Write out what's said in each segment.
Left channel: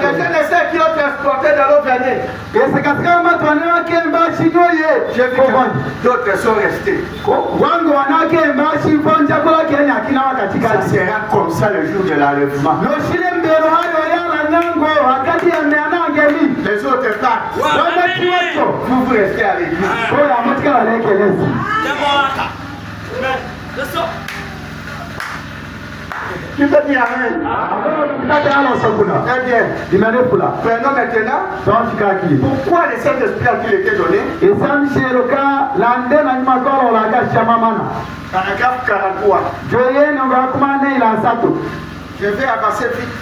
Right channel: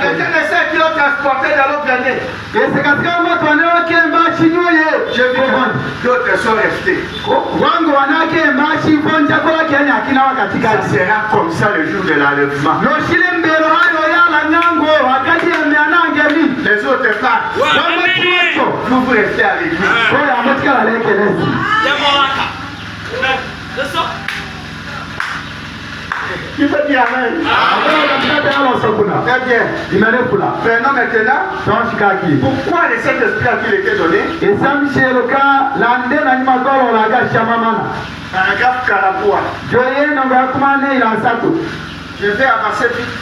Quelqu'un essaie qui l'ont transporté dans l'autre année. J'ai vu que d'autres sont restés. Ça sera comme ça le jour de l'enlèvement. Les autres partent. Vous restez avec lui. Tu peux dire amen. Très bien. Prenons maintenant. Pourquoi le Saint-Esprit a-t-il été donné? Paragraphe 43. Je vais avancer vite.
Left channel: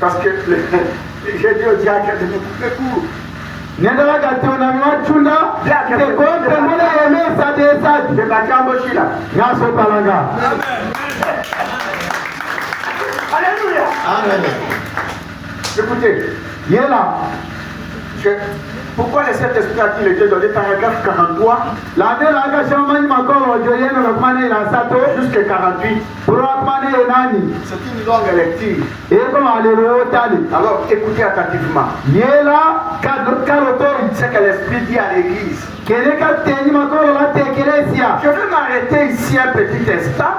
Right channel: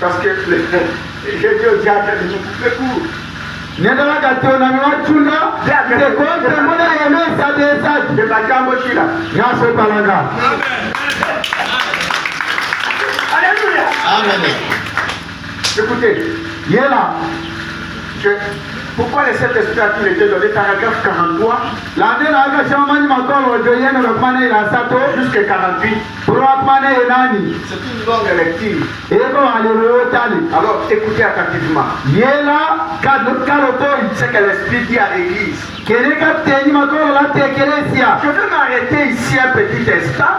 Parce que j'ai dit au diable de nous couper court. Alléluia. Amen. Écoutez, pourquoi le Saint-Esprit a-t-il été donné? Paragraphe 43 jusqu'à 48. C'est une longue lecture. Alors écoutez attentivement. Ce que l'Esprit dit à l'Église. Je vais m'arrêter ici un petit instant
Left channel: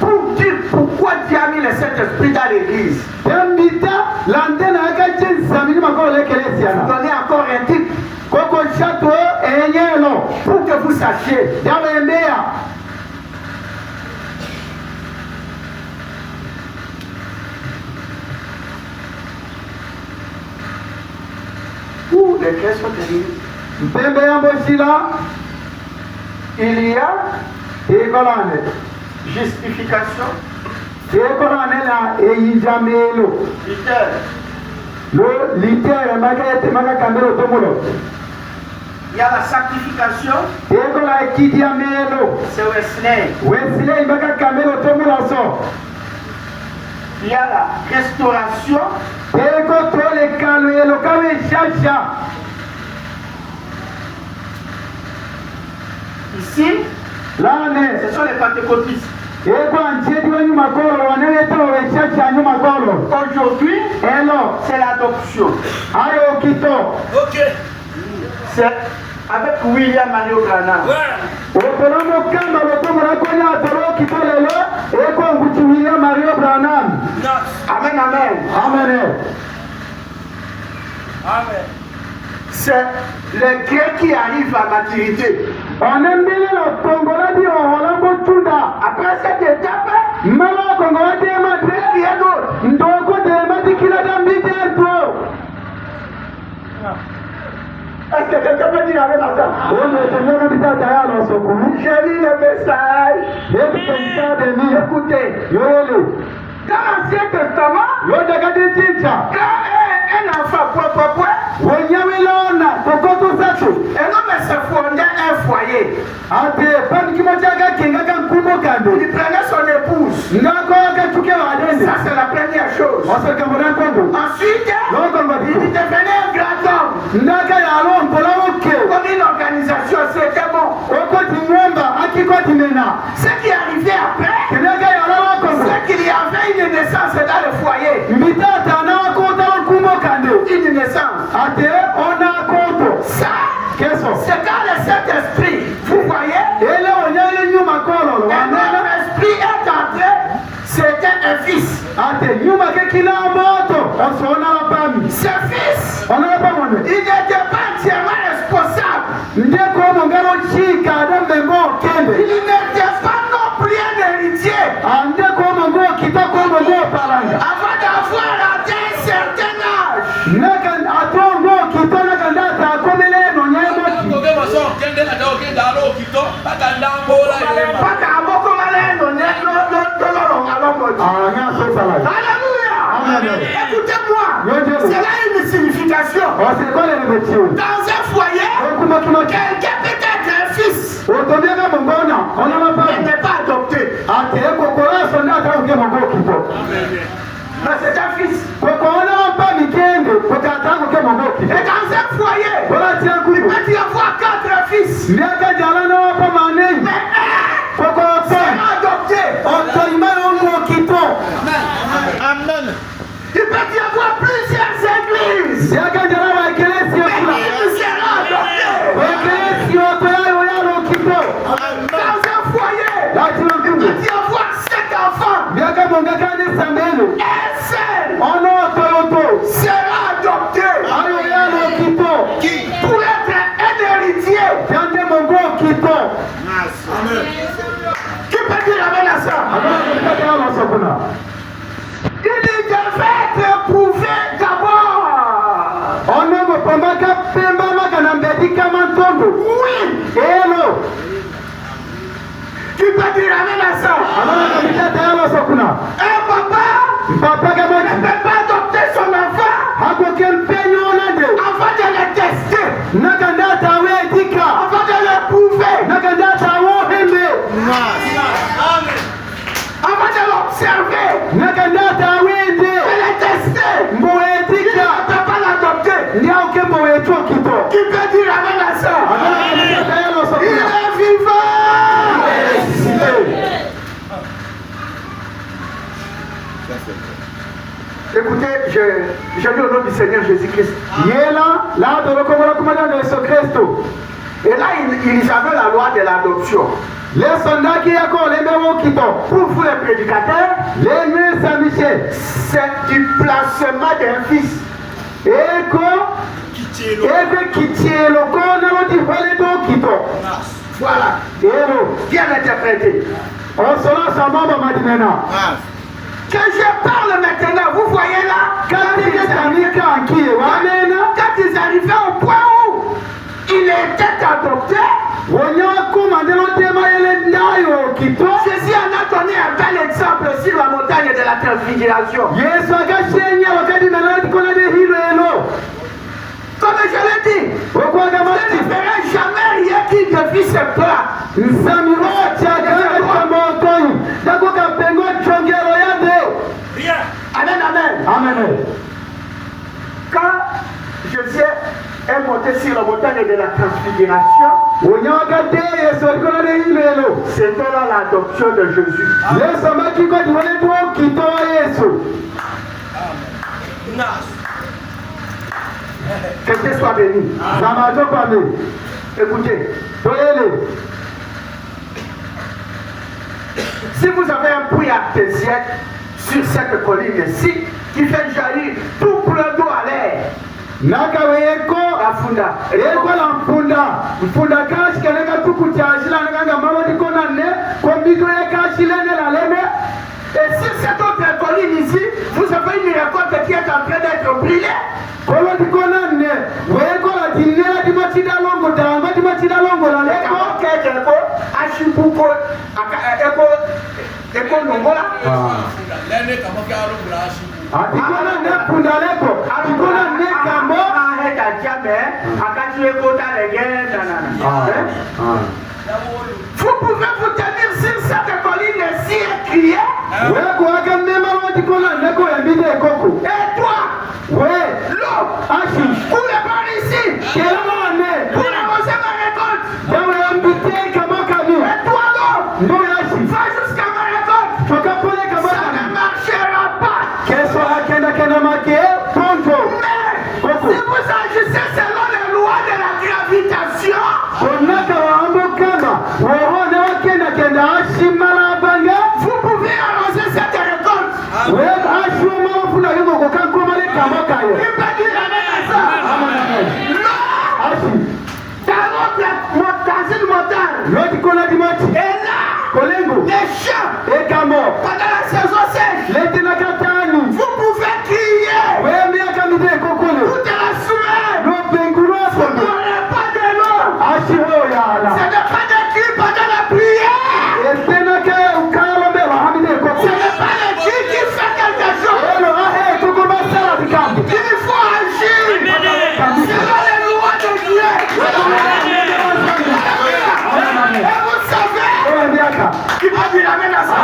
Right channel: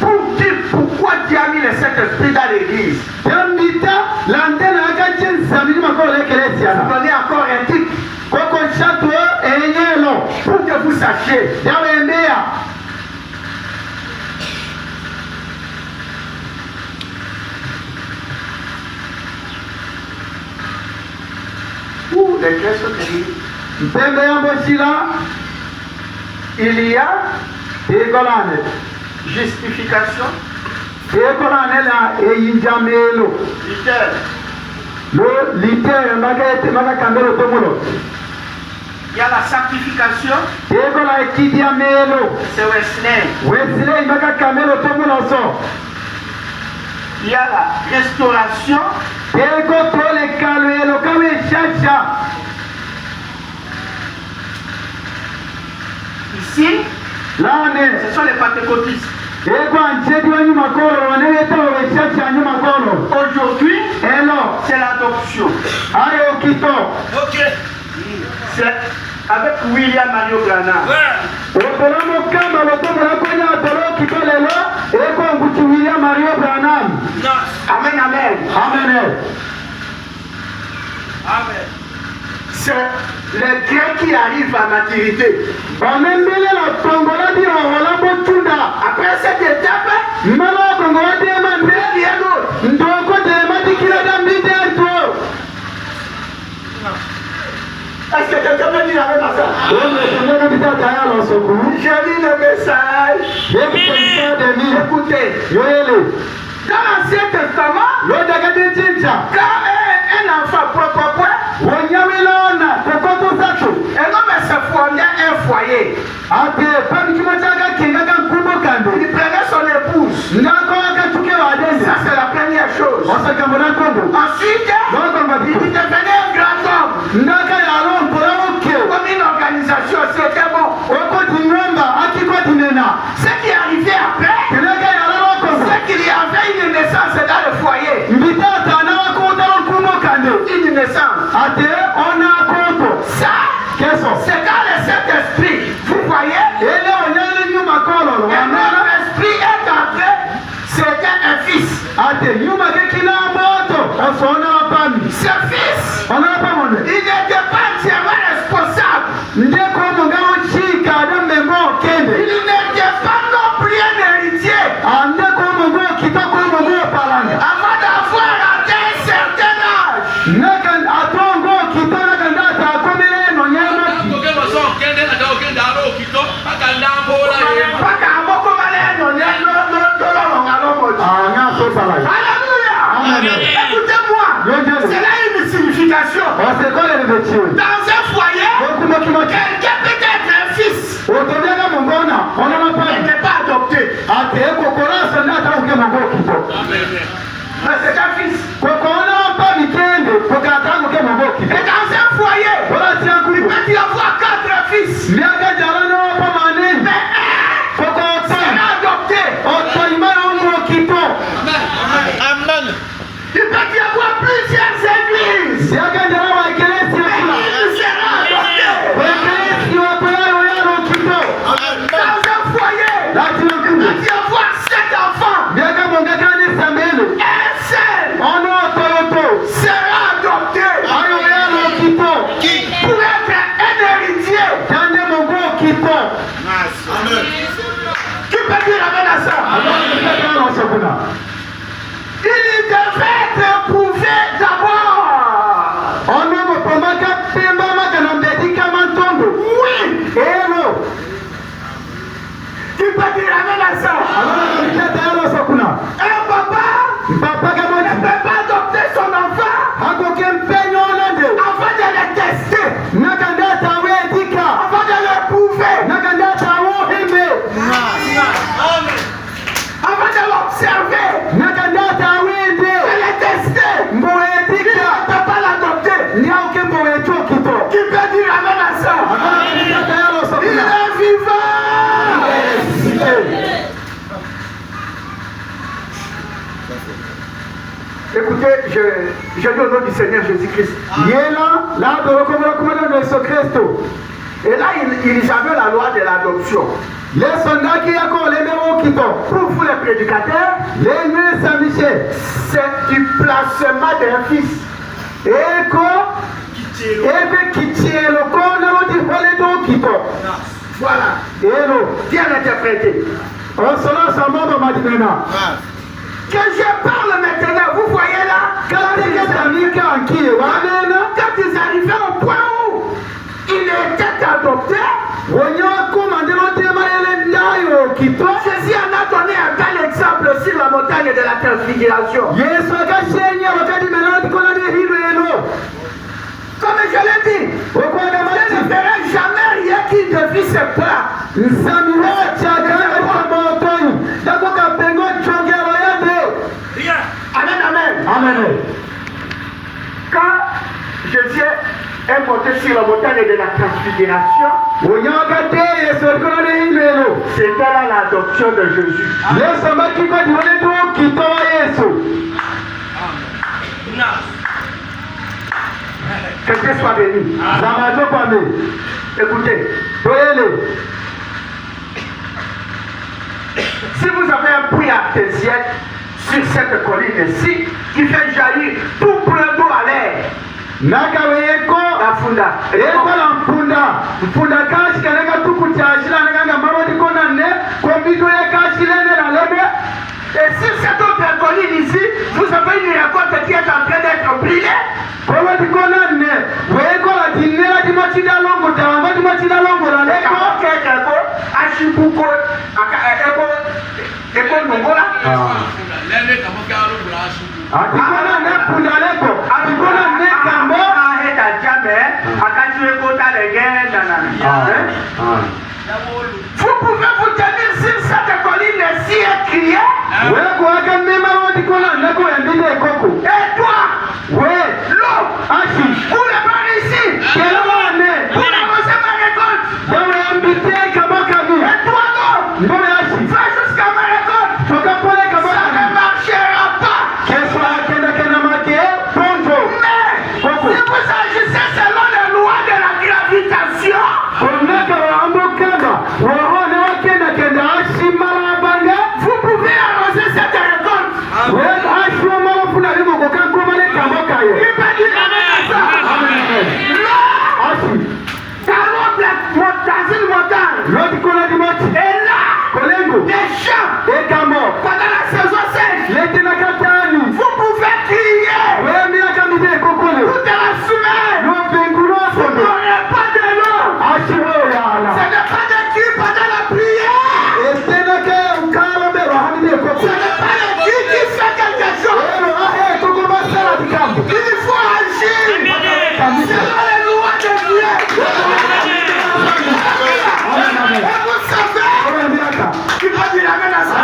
pour dire pourquoi Dieu a mis le Saint-Esprit dans l'Église. Donnez encore un titre pour que vous sachiez. Les cœurs sont terribles. Il y a justification. Il y a la sanctification. C'est Wesley. Il y a la restauration. Ici, ce sont les pentecôtistes. Aujourd'hui, c'est l'adoption. C'est avec William Mario Branham. Amen, amen. Amen. C'est les Grecs qui arrivent à maturité. Après cette étape, est-ce que quelqu'un peut dire avec ça? J'ai lu le message. Écoutez. Dans l'Ancien Testament, quand un enfant un homme se fondait un foyer. Il prenait son épouse. Ça, c'est la première chose. Ensuite, il devenait un grand homme. Comme une organisation, c'était bon. Ce qui arrivait après, c'est qu'il y avait une naissance dans le foyer. Une naissance. Ça, c'est dans le Saint-Esprit. Vous voyez? Notre esprit est entré. C'était un fils. Ce fils, il n'était pas entièrement responsable. Il n'était pas non plus un héritier. Avant d'avoir atteint un certain âge. Écoutez-moi, c'est là une signification. Dans un foyer, quelqu'un peut être un fils. Il n'est pas adopté. Mais c'est un fils. Et dans un foyer, il peut y avoir 4 fils. Mais un sera adopté pour être un héritier. Tu peux dire amen à ça? Il devait être éprouvé d'abord. Oui. Tu peux dire amen à ça? Un papa ne peut pas adopter son enfant avant de le tester, avant de l'éprouver, avant de l'observer, de le tester. Il ne peut pas l'adopter. Tu peux dire amen à ça? Il est vivant. Écoutez, je dis au nom du Seigneur Jésus-Christ. Et là, ils avaient la loi de l'adoption. Pour vous les prédicateurs, c'est du placement d'un fils. Voilà. Bien interprété. Que je parle maintenant, vous voyez là, quand ils arrivaient au point où il était adopté, Jésus en a donné un bel exemple sur la montagne de la transfiguration. Comme je l'ai dit, je ne ferai jamais rien qui devient ce plat. Amen, amen. Amen. Quand Jésus est monté sur la montagne de la transfiguration, c'était là l'adoption de Jésus. Que Dieu soit béni. Écoutez, si vous avez un puits artésien sur cette colline-ci qui fait jaillir tout plein d'eau à l'air, la funda. Et sur cette autre colline ici, vous avez une récolte qui est en train d'être brûlée. Vous pouvez vous tenir sur cette colline si écriée. Et toi, l'eau, pour le par ici, pour arroser ma récolte. Et toi, l'eau, va jusqu'à ma récolte. Ça ne marchera pas. Mais si vous agissez selon les lois de la gravitation, vous pouvez arroser cette récolte. Dans une montagne. Et là, les champs, pendant la saison sèche, vous pouvez crier toute la semaine. Vous n'aurez pas de l'eau. Ce n'est pas de qui pendant la prière. Ce n'est pas le qui fait quelque chose. Il faut agir selon les lois de Dieu. Et vous savez, il va dire amen à ça.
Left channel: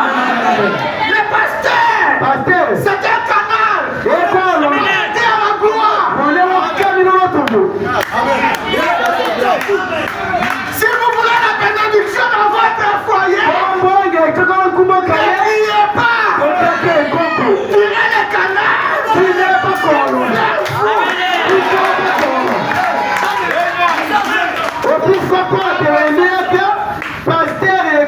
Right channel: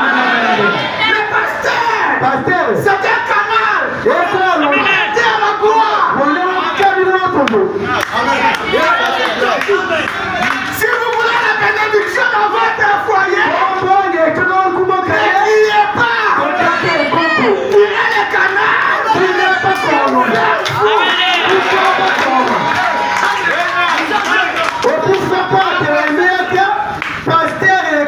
Le pasteur, c'est un canal. Il est à la gloire. Si vous voulez la bénédiction dans votre foyer, n'ayez pas. Il est le canal. Pasteur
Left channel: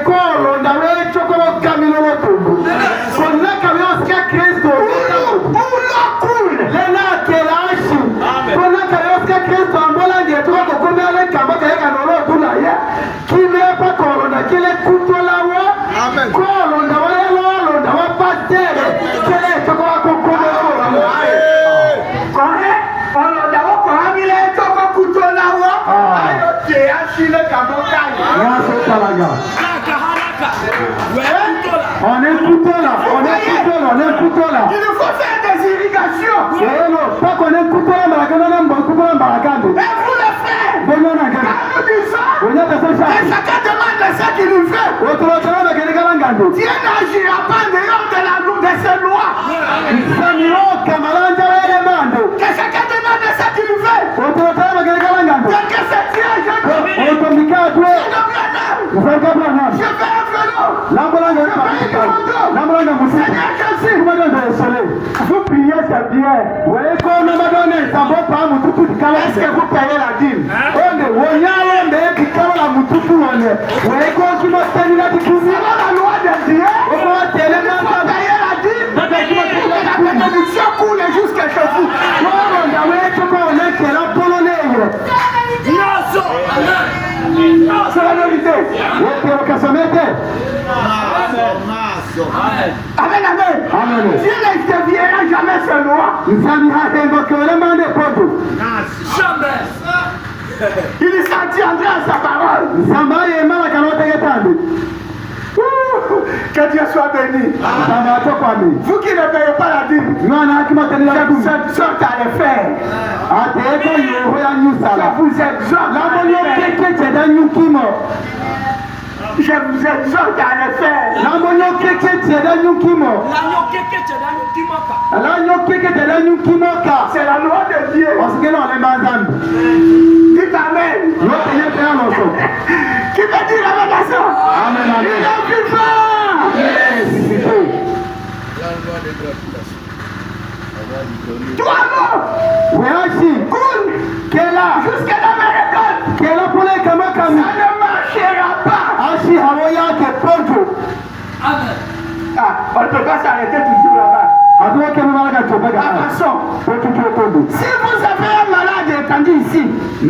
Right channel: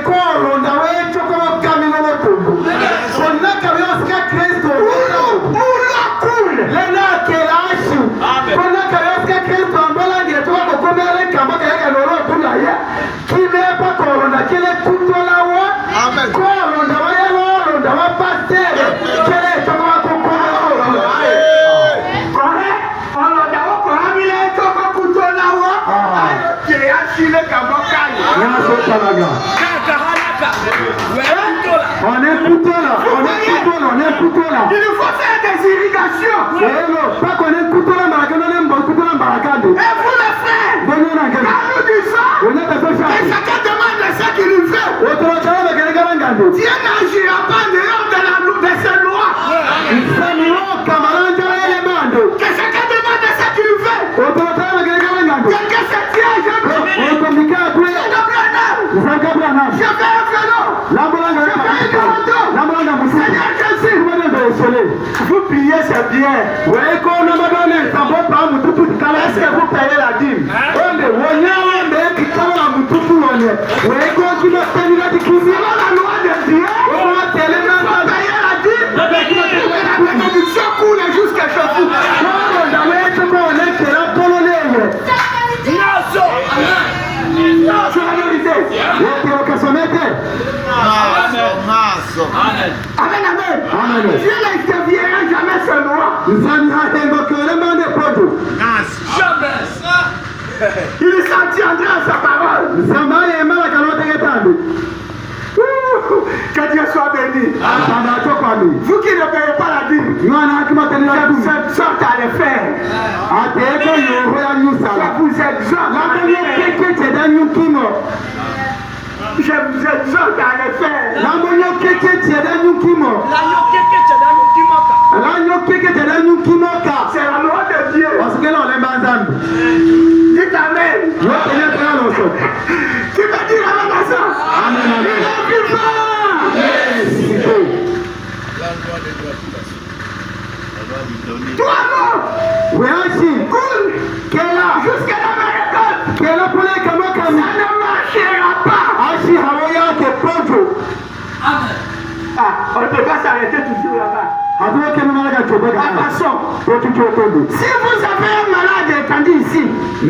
est couteau là. On est couteau là. Il faut faire des irrigations. Pas qu'on est couteau là, mais qu'on est bon couteau là, et vous les frères, quand nous disons que chacun demande ce qu'il nous fait, Dieu n'agira pas en dehors de ses lois. Que chacun demande ce qu'il nous fait. Quelqu'un se tient, je veux un vélo. Seigneur Jésus, vous priez, c'est bien. Est-ce que vous payez la dîme? Selon la loi de Dieu, vous payez la dîme. La bénédiction coule jusqu'à chez vous. C'est la vérité. Amen, amen. Dieu ne déviera jamais ses lois. Jamais. Il s'en tiendra à sa parole. Que Dieu soit béni. Vous qui ne payez pas la dîme, cette sorte à le faire. Je vous exhorte à le faire. C'est la loi de Dieu. Dites Amen. Qui veut dire Amen à ça? Il est vivant. Toi, cool. Jusqu'à la récolte. Ça ne marchera pas. On ne peut pas s'arrêter toujours là-bas. Attention. Si vous avez un malade étendu ici, ou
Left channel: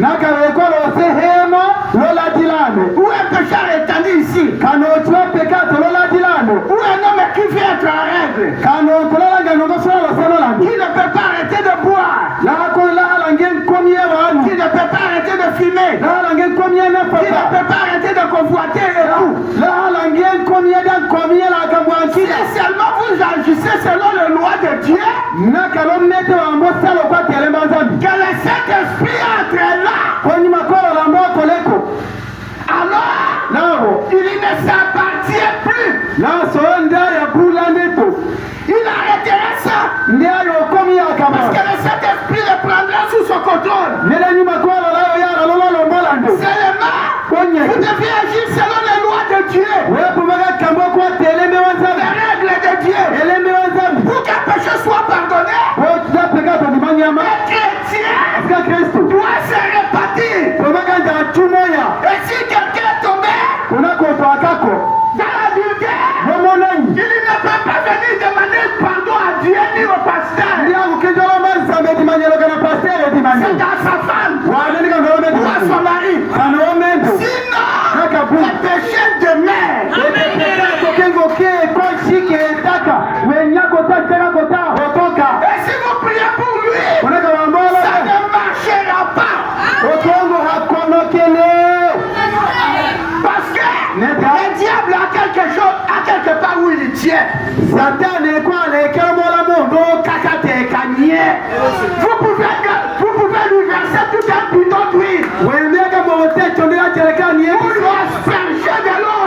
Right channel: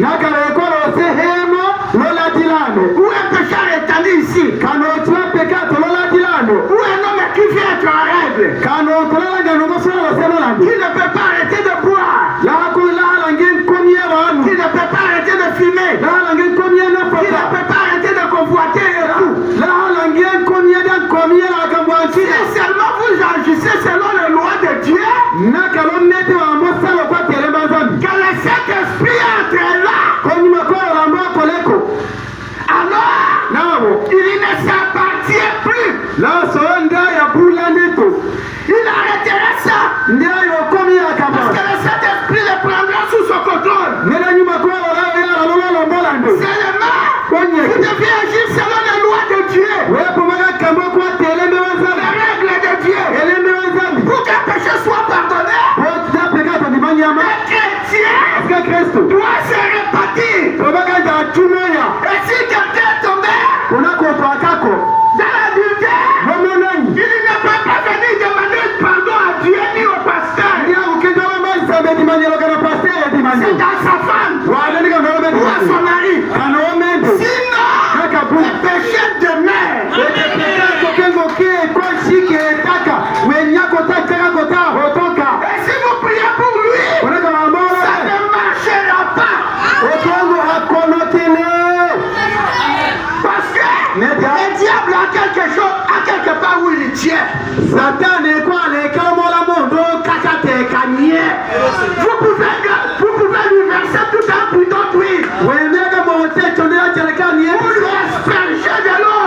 un pécheur étendu ici, ou un homme qui vient être en règle, qui ne peut pas arrêter de boire, qui ne peut pas arrêter de fumer, qui ne peut pas arrêter de convoiter et tout. Si seulement vous agissez selon les lois de Dieu, que le Saint-Esprit entre là, alors il ne s'appartient plus. Il arrêtera ça. Parce que le Saint-Esprit le prendra sous son contrôle. Seulement, vous devez agir selon les lois de Dieu. Les règles de Dieu. Pour qu'un péché soit pardonné, un chrétien doit se répartir. Et si quelqu'un est tombé dans l'adultère, il ne peut pas venir demander pardon à Dieu ni au pasteur. C'est à sa femme ou à son mari. Sinon, le péché demeure. Et si vous priez pour lui, ça ne marchera pas. Parce que le diable a quelque chose, à quelque part où il tient. Vous pouvez lui verser tout un bidon d'huile. Pour lui asperger de l'eau.